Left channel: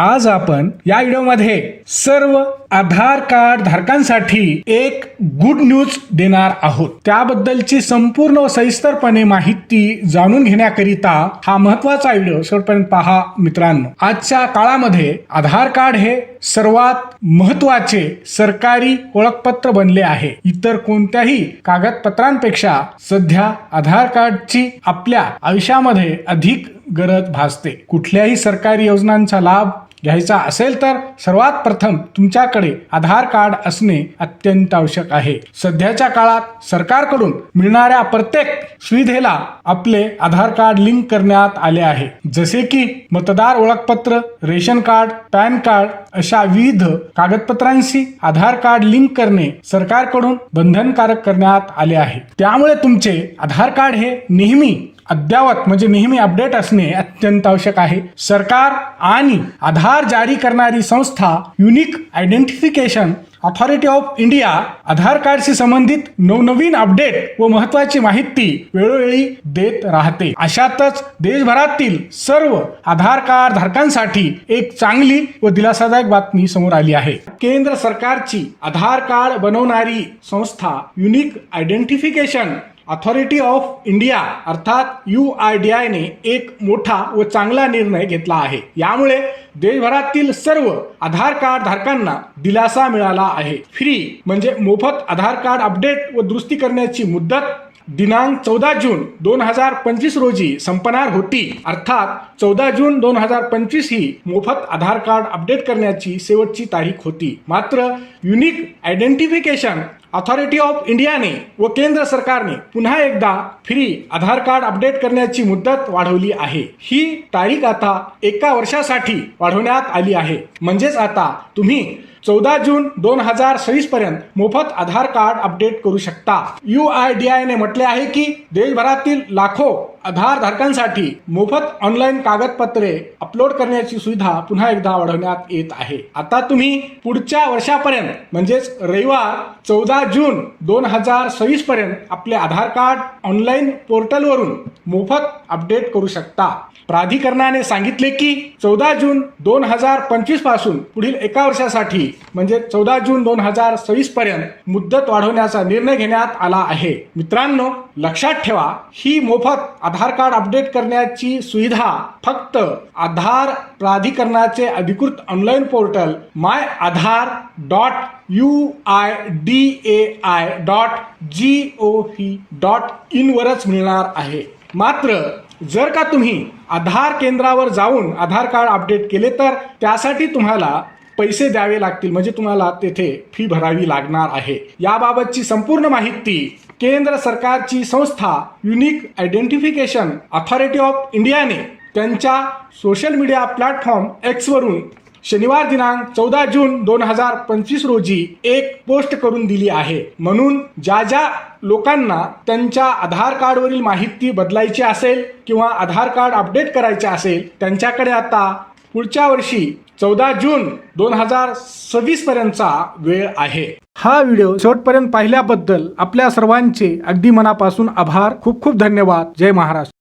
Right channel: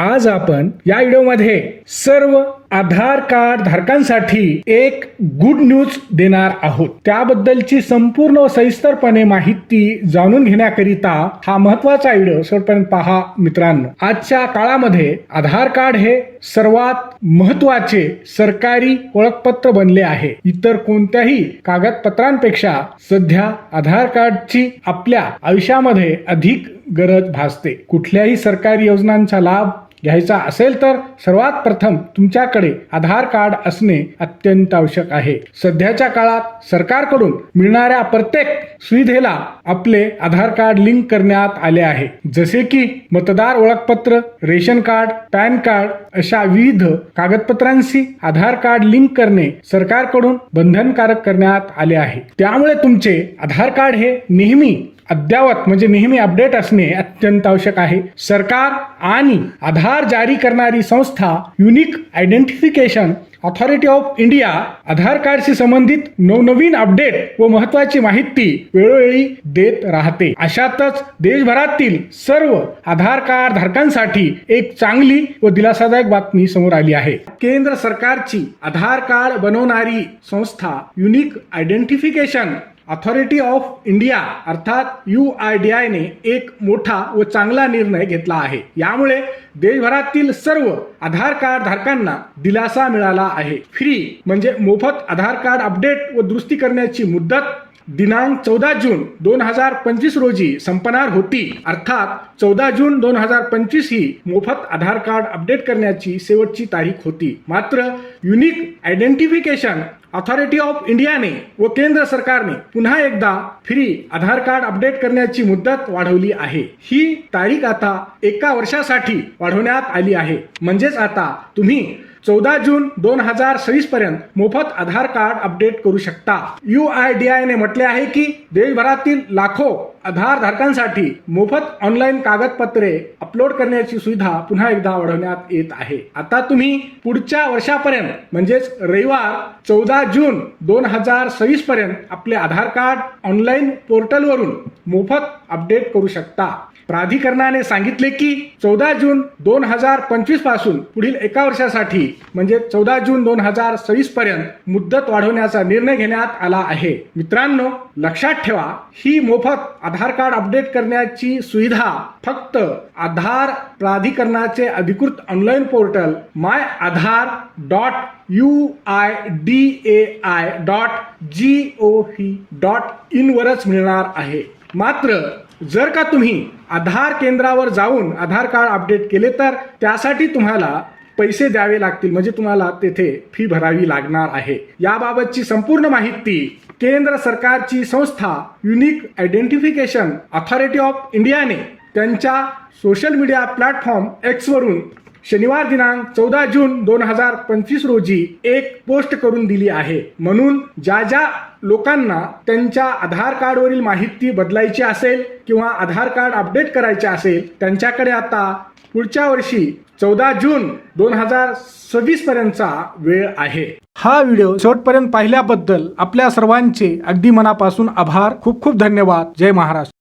आज आपण या व्हिडिओमध्ये सर्व आधार कार्ड धारकांसाठी एक गुड न्यूज देणार आहोत. त्याबद्दलची संपूर्ण व सविस्तरपणे माहिती जाणून घेण्याकरिता हा महत्त्वाचा व्हिडिओ शेवटपर्यंत पहा मित्रांनो. आजच्या काळामध्ये आधार कार्ड हे सर्वात महत्त्वाचे सरकारी ओळखपत्र बनले आहे. इतर कोणत्याही कागदपत्रांपेक्षा सध्या आधार कार्डची आपल्या आयुष्यामध्ये अधिक गरज भासते. कुठल्याही सरकारी योजनांचा लाभ घ्यायचा असेल तर सर्वात प्रथम तुमच्याकडे आधार कार्ड असणे अत्यंत आवश्यक आहे. सध्याच्या काळात सरकारकडून मिळणाऱ्या प्रत्येक सुविधेला आपले आधार कार्ड लिंक करण्यात आले आहे. जसे की मतदार ओळखपत्र रेशन कार्ड पॅन कार्ड अशा विविध कागदपत्रांशी आधार कार्ड लिंक करणे सरकारकडून बंधनकारक करण्यात आले आहे. त्यामुळे तुमचे आधार कार्ड हे नेहमी अद्ययावत म्हणजे नेहमी अपडेट असणे अत्यंत आवश्यक आहे. सरकार आणि आधार जारी करणारी संस्था unique identification authority of India Aadhaar कार्डशी संबंधित नवनवीन अपडेट व महत्वाची माहिती वेळोवेळी देत राहते. अशातच देशभरातील सर्व आधार कार्ड धारकांसाठी एक चांगली व दिलासादायक बातमी समोर आली आहे. केंद्र सरकारची आधार कार्ड बनवणारी संस्था unique identification authority of India अर्थात यू आय डी आयने एक मोठा व चांगला निर्णय घेतला आहे. यामुळे देशभरातील सर्व आधार कार्ड धारकांना दिलासा मिळाला आहे. फ्री म्हणजे मोफत आधार कार्ड अपडेट व दुरुस्ती करण्याची मुदत दिनांक चौदा जून दोन हजार पंचवीस रोजी संपणार होती. अर्थात चौदा जून दोन हजार पंचवीस ही मोफत आधार कार्ड अपडेट करण्याची शेवटची तारीख होती. मात्र युनिक आयडेंटिफिकेशन ऑथॉरिटी ऑफ इंडियाने व केंद्र सरकारने पुन्हा एकदा फ्री आधार कार्ड अपडेट करण्याची मुदत वाढवली आहे. ही तारीख आता एका वर्षासाठी वाढवण्यात आली आहे. म्हणजेच आता तुम्ही चौदा जून दोन हजार सव्वीस पर्यंत मोफत आधार कार्ड अपडेट करू शकता. यू आय डी आय ने म्हटले आहे की देशभरातील लाखो आधारधारकांसाठी मोफत ऑनलाईन कागदपत्रे अपलोड करण्याची सुविधा पुन्हा एकदा वाढवण्यात येत आहे. आता तुम्ही पुढच्या वर्षापर्यंत म्हणजेच रविवार चौदा जून दोन हजार सव्वीस पर्यंत आपले आधार कार्ड ऑनलाईन पोर्टलवरून मोफत अपडेट करू शकता. प्राधिकरणाने सांगितले की चौदा जून दोन हजार पंचवीसपासून पुढील एका वर्षासाठी म्हणजे चौदा जून दोन हजार सव्वीस पर्यंत मुदत वाढवण्याचा निर्णय घेण्यात आला आहे. मित्रांनो लक्षात ठेवा ही मोफत आधार कार्ड अपडेट करण्याची सुविधा फक्त आधार प्राधिकरणाचे अधिकृत online portal my Aadhaar dot U I D A I dot G O V dot इनवरच मिळणार आहे. मात्र जर का तुम्ही आधार केंद्रावर जाऊन आधार कार्ड अपडेट केले तर त्यासाठी तुम्हाला पैसे द्यावे लागतील म्हणजे तुम्हाला तेथे फी भरावी लागणार आहे. याबाबतची संपूर्ण माहिती केंद्र सरकारची संस्था युनिक आयडेंटिफिकेशन अथॉरिटी ऑफ इंडियाने त्यांच्या सोशल मीडिया प्लॅटफॉर्म एक्सवरून शनिवार दिनांक चौदा जून दोन हजार पंचवीस रोजी एक पोस्ट करून दिली आहे. म्हणून ज्या ज्या लोकांना त्यांच्या आधार कार्डवरील माहिती बदलायची असेल किंवा आधार कार्ड अपडेट करायचे असेल त्यांच्याकडे आता पुढच्या वर्षी चौदा जून दोन हजार सव्वीस पर्यंतचा वेळ आहे. हा व्हिडिओ शेवटपर्यंत पाहिल्याबद्दल आपल्या सर्वांचे अगदी मनापासून आभार. खूप खूप धन्यवाद. जय महाराष्ट्र.